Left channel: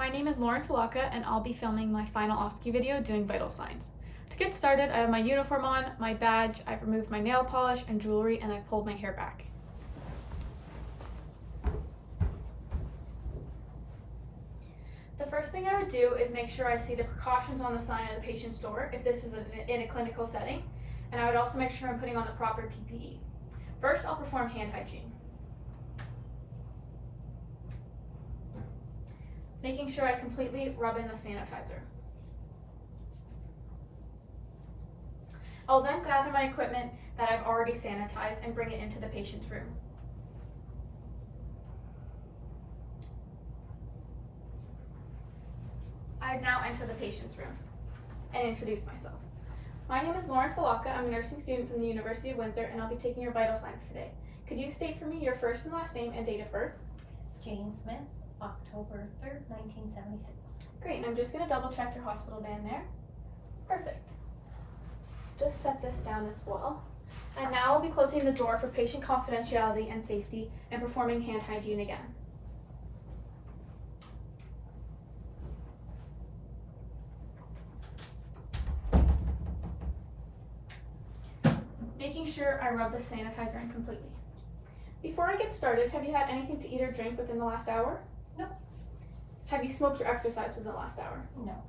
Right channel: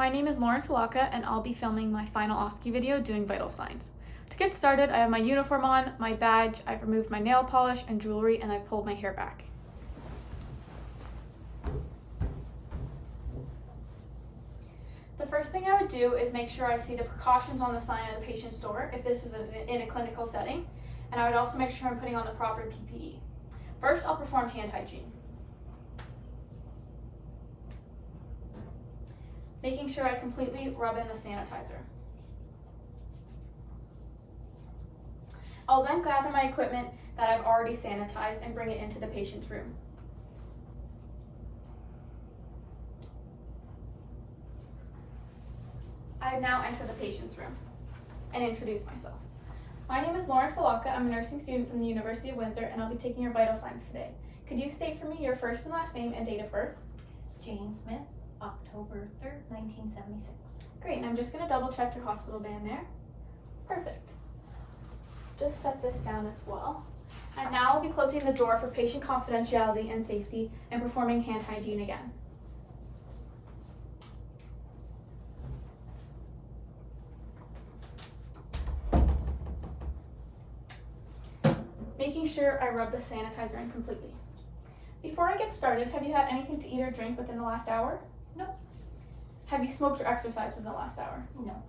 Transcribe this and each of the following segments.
My name is Lauren Fulawka, and I'll be filming my final OSCE video doing vital signs. To get started, I have my uniform on, my badge, I've removed my nail polish and jewelry, and I've pulled my hair back. The first thing I would do is make sure I see the precautions on the sign at the patient's door if this was in a clinical setting, and I would also make sure I'm putting on the proper PPE. First, I'll perform hand hygiene. Making sure I completely rub in the sanitizer. I'll then gather my equipment that I've already sanitized and bring it into the patient's room. I now enter the patient's room and introduce myself. My name is Lauren Fulawka. I'm a nursing student from the University of Windsor, and I'll be taking your vital signs today. Could you state for me your first and last name and date of birth? Jane Smith, October 3rd, 1976. Great, and I'm just going to double check your hospital band there. Perfect. Just set this down as well. And now I'll be closing the door for patient confidentiality and safety and performing hand hygiene again. Making sure I rub the sanitizer in completely. Before I get started, have you had anything to eat or drink within the last hour? Nope. Have you smoked or exercised within the last hour? No.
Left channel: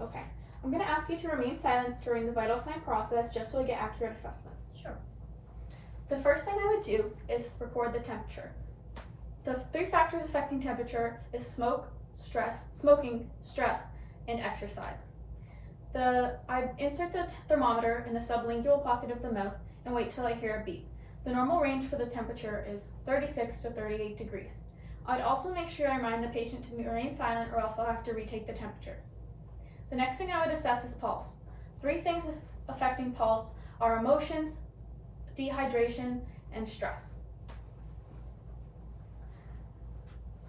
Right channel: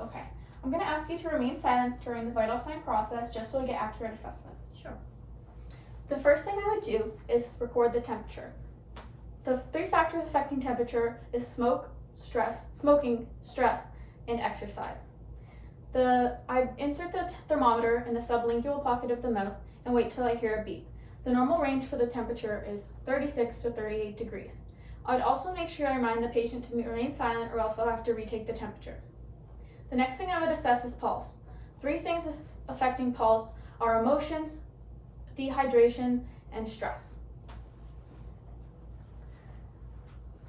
Okay. I'm going to ask you to remain silent during the vital sign process just so I get accurate assessment. Sure. The first thing I would do is record the temperature. The 3 factors affecting temperature is smoking, stress, and exercise. I insert the thermometer in the sublingual pocket of the mouth and wait till I hear a beep. The normal range for the temperature is 36 to 38 degrees. I'd also make sure I remind the patient to remain silent or else I'll have to retake the temperature. The next thing I would assess is pulse. 3 things affecting pulse are emotions, dehydration, and stress.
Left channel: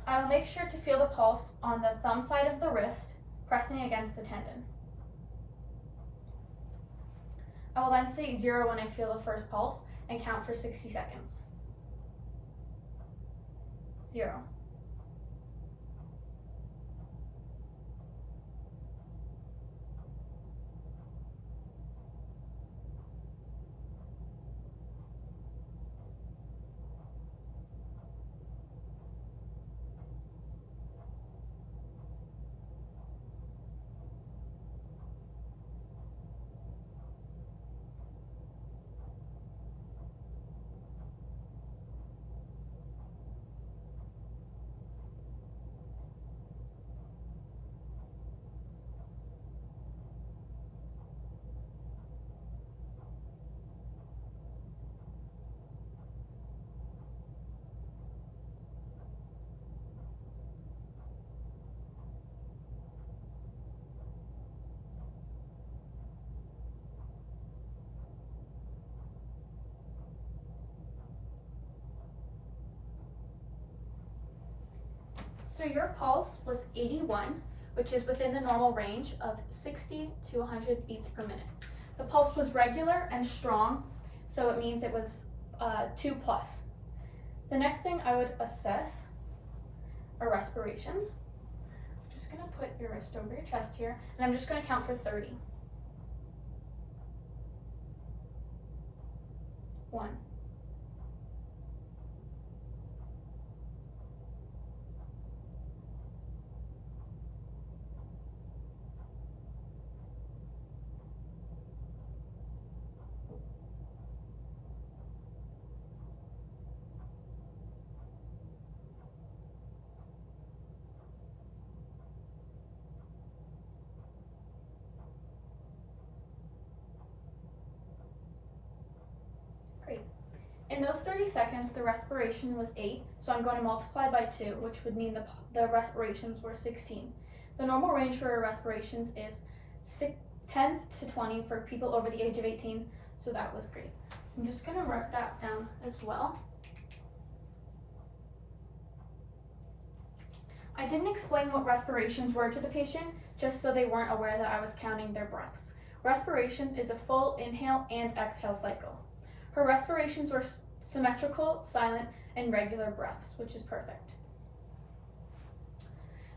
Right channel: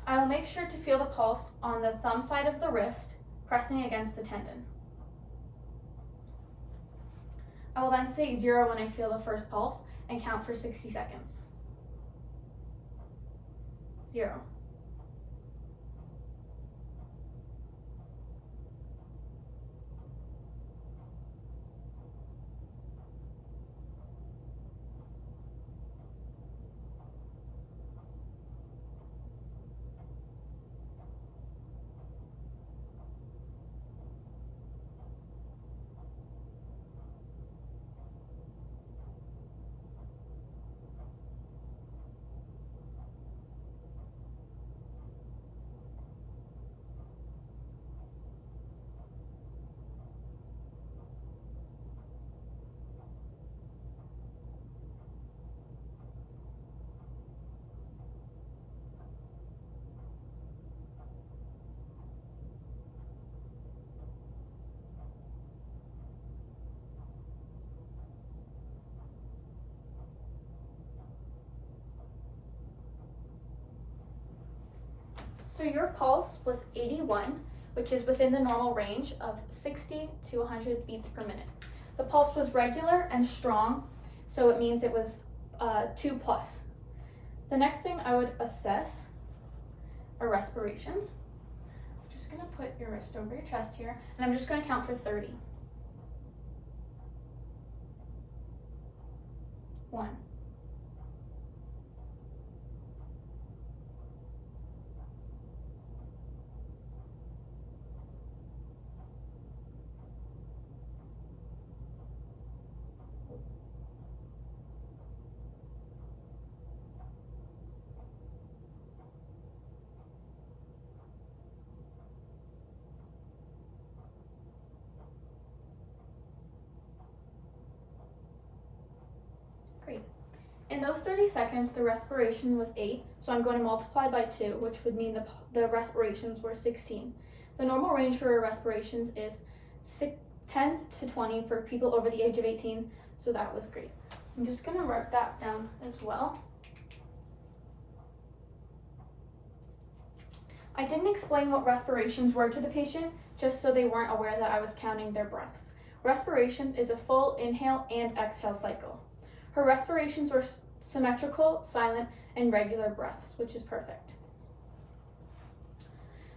I will make sure to feel the pulse on the thumb side of the wrist, pressing against the tendon. I will then say 0 when I feel the first pulse and count for 60 seconds. 0. So your pulse was 81, which is within the normal range of 60 to 100 beats per minute. The pulse was regular and strong, so it means it was 2+. The next thing I would assess are respirations. I'm just going to put your wrist over your chest here, and I'm just going to count for 30. 1. 3. In those 30 seconds, the respiration was 8, so I'm going to multiply by 2, which would mean the respirations were 16. The normal range for respirations is 10 to 20 for people over the age of 18, so that was great. I'm just going to write that down as well. I didn't explain what respirations were to the patient, just so they weren't aware that I was counting their breaths. Respiration is a full inhale and exhale cycle. Her respirations were symmetrical, silent, and regular breaths, which is perfect.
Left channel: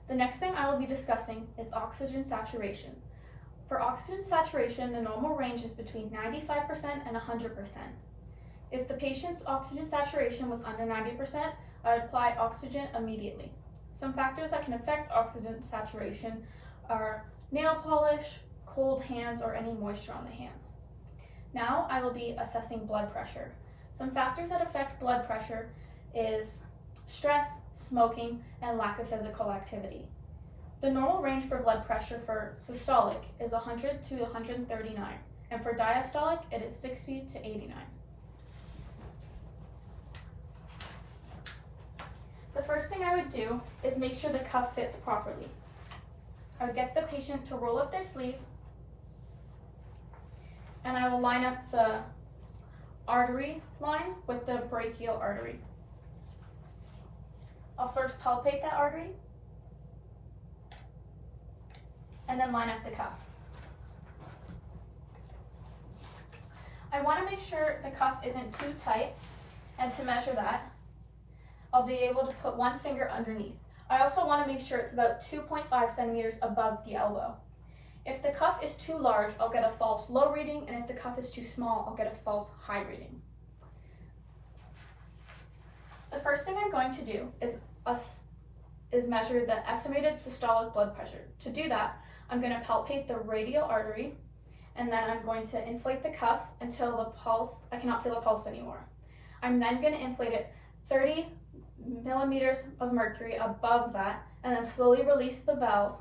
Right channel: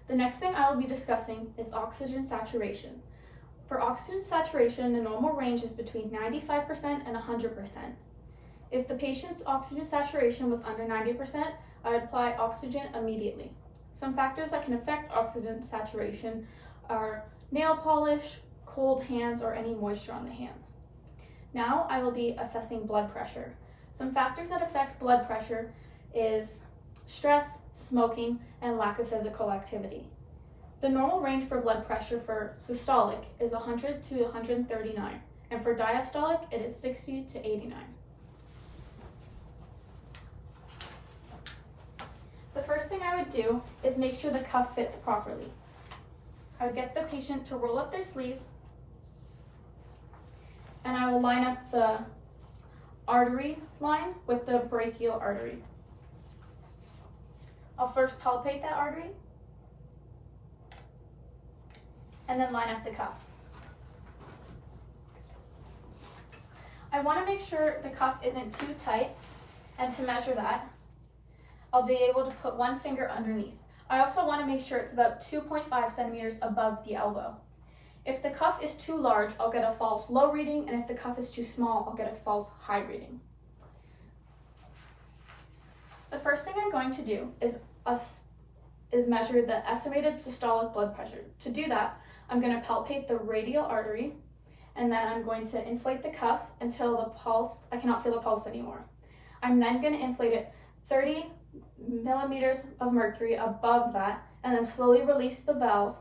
The next thing I will be discussing is oxygen saturation. For oxygen saturation, the normal range is between 95% and 100%. If the patient's oxygen saturation was under 90%, I would apply oxygen immediately. Some factors that can affect oxygen saturation are nail polish, cold hands, or any moisture on the hands. Now I will be assessing blood pressure. Some factors that affect blood pressure is stress, smoking, and lack of physical activity. The normal range for blood pressure for systolic is 100 to 139, and for diastolic it is 60 to 89. The first thing I would do is make sure the cuff fits properly. I would get the patient to roll up their sleeve, and I will line up the artery line with the brachial artery. I'll first palpate that artery, and then line up the cuff. I want to make sure the cuff isn't too tight, and to measure that, I'll be able to put one finger underneath. I also want to make sure it's about 2.5 centimeters above the elbow. If the cuff is too large, I'll get a false low reading, and if the cuff is too small, I'll get a false high reading. The first thing I'm going to do is measure the estimated systolic blood pressure. To do that, I'm going to palpate the radial artery, and then I'm going to inflate the cuff until I cannot feel the pulse anymore. I'm then going to inflate it 30 millimeters of mercury above that, and then slowly release the valve,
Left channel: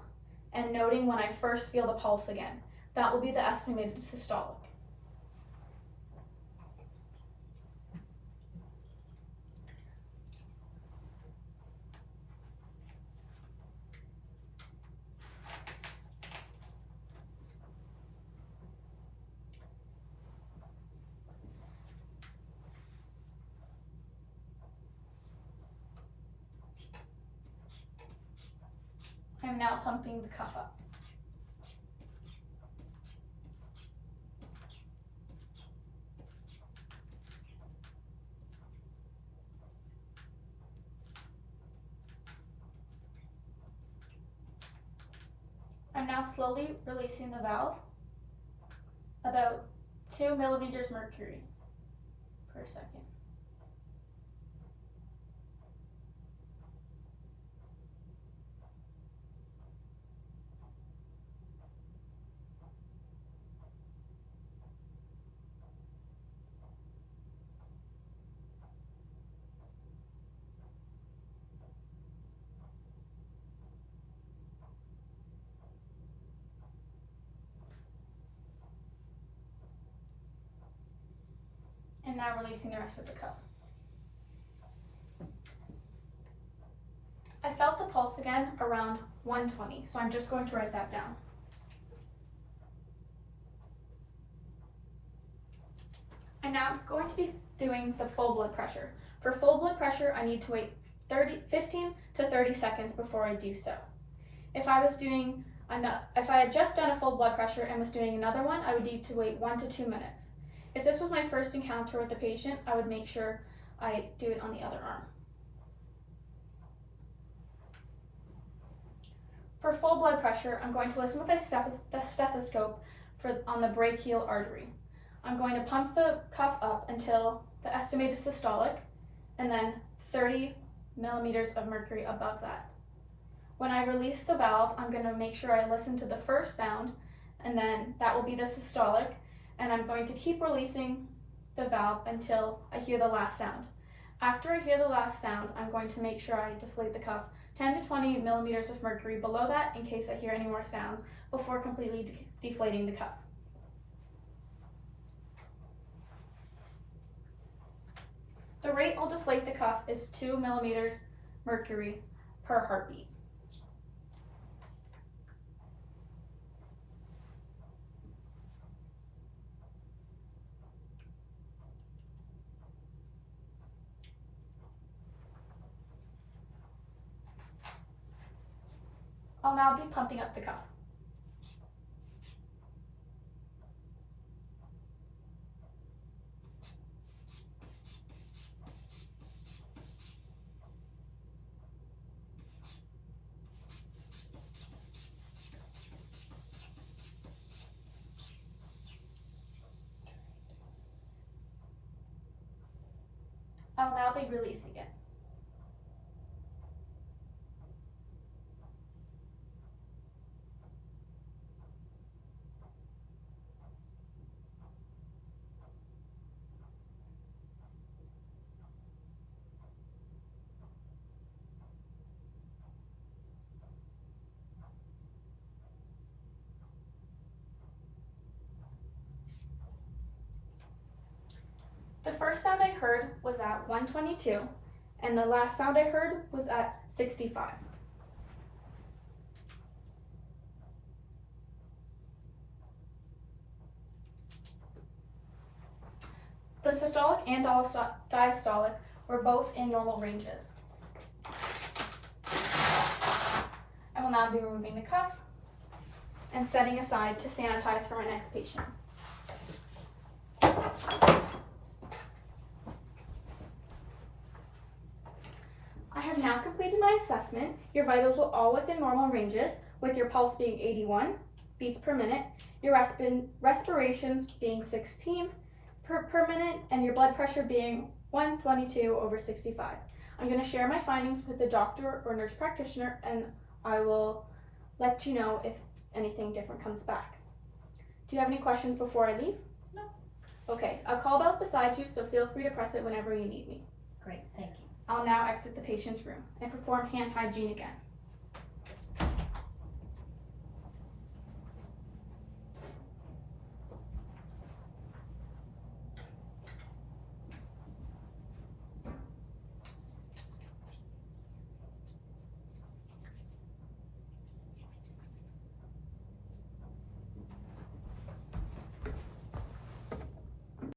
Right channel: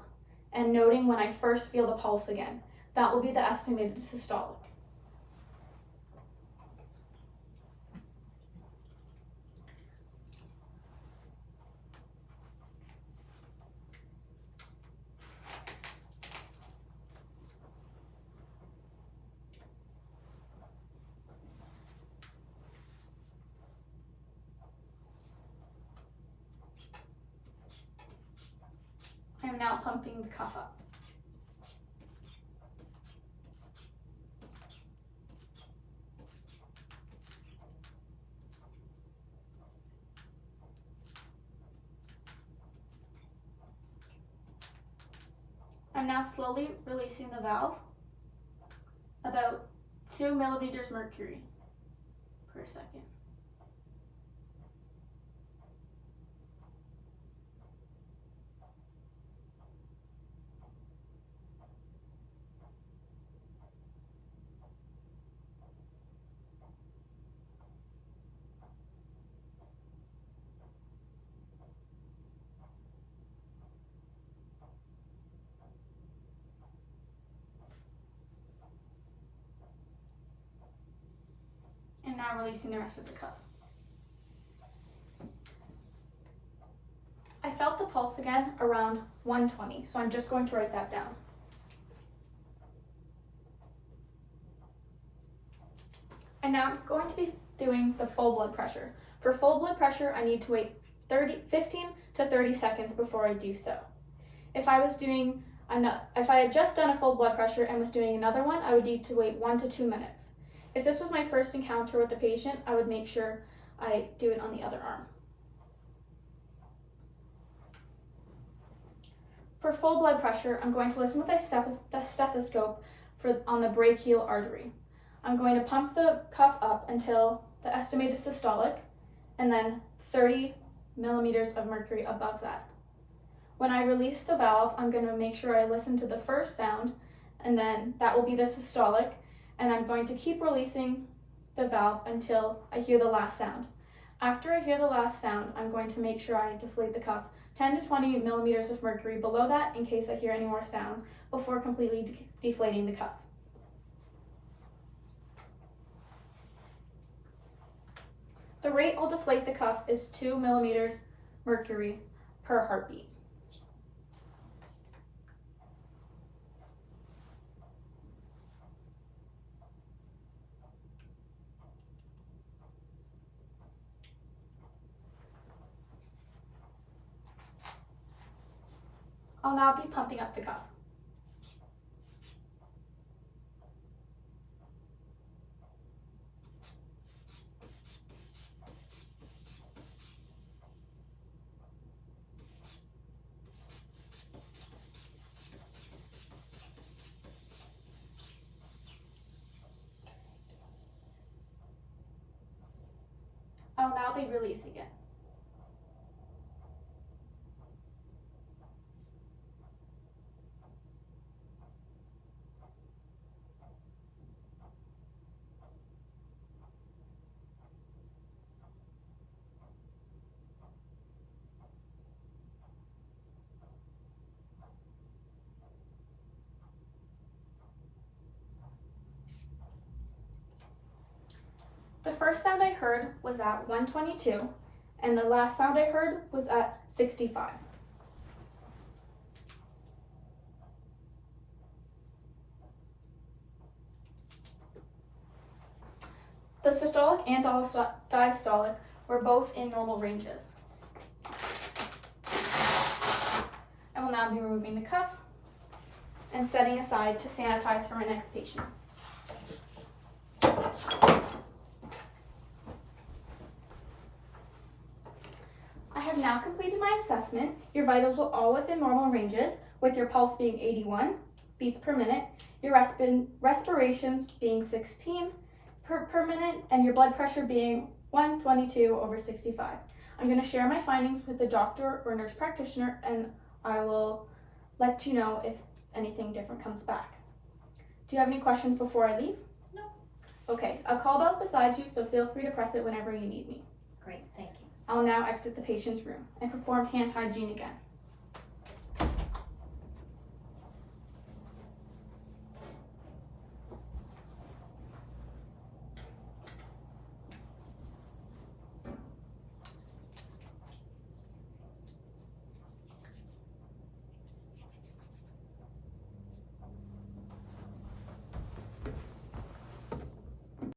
and noting when I first feel the pulse again. That will be the estimated systolic. I'm now pumping the cuff up. I'm now slowly releasing the valve, about 2 millimeters mercury per second. And now releasing the rest of the cuff. I felt the pulse again around 120, so I'm just going to write that down. I'm now going to be doing the full blood pressure. For full blood pressure, I need to wait 15 to 30 seconds before I do so. If I had just done a full blood pressure and was doing another one, I would need to wait 1 to 2 minutes. If this was my first encounter with the patient, I would make sure I do it on the other arm. For full blood pressure, I'm going to listen with the stethoscope on the brachial artery. I'm going to pump the cuff up until the estimated systolic, and then 30 millimeters of mercury above that. When I release the valve, I'm going to make sure I listen to the first sound, and then that will be the systolic, and I'm going to keep releasing the valve until I hear the last sound. After I hear the last sound, I'm going to make sure I deflate the cuff 10 to 20 millimeters of mercury below that in case I hear any more sounds before completely deflating the cuff. The rate I'll deflate the cuff is 2 millimeters mercury per heartbeat. I'll now be pumping up the cuff. not be releasing it. The first sound I heard was at 122, and the last sound I heard was at 65. The systolic and diastolic were both in normal ranges. I will now be removing the cuff and setting aside to sanitize for my next patient. I have now completed my assessment. Your vitals were all within normal ranges, with your pulse being 81 beats per minute, your respirations being 16 per minute, and your blood pressure being 122/65. I'm going to share my findings with the doctor or nurse practitioner, and I will let you know if anything different comes back. Do you have any questions before I leave? No. Okay, a call bell's beside you, so feel free to press it whenever you need me. Great, thank you. I'll now exit the patient's room and perform hand hygiene again.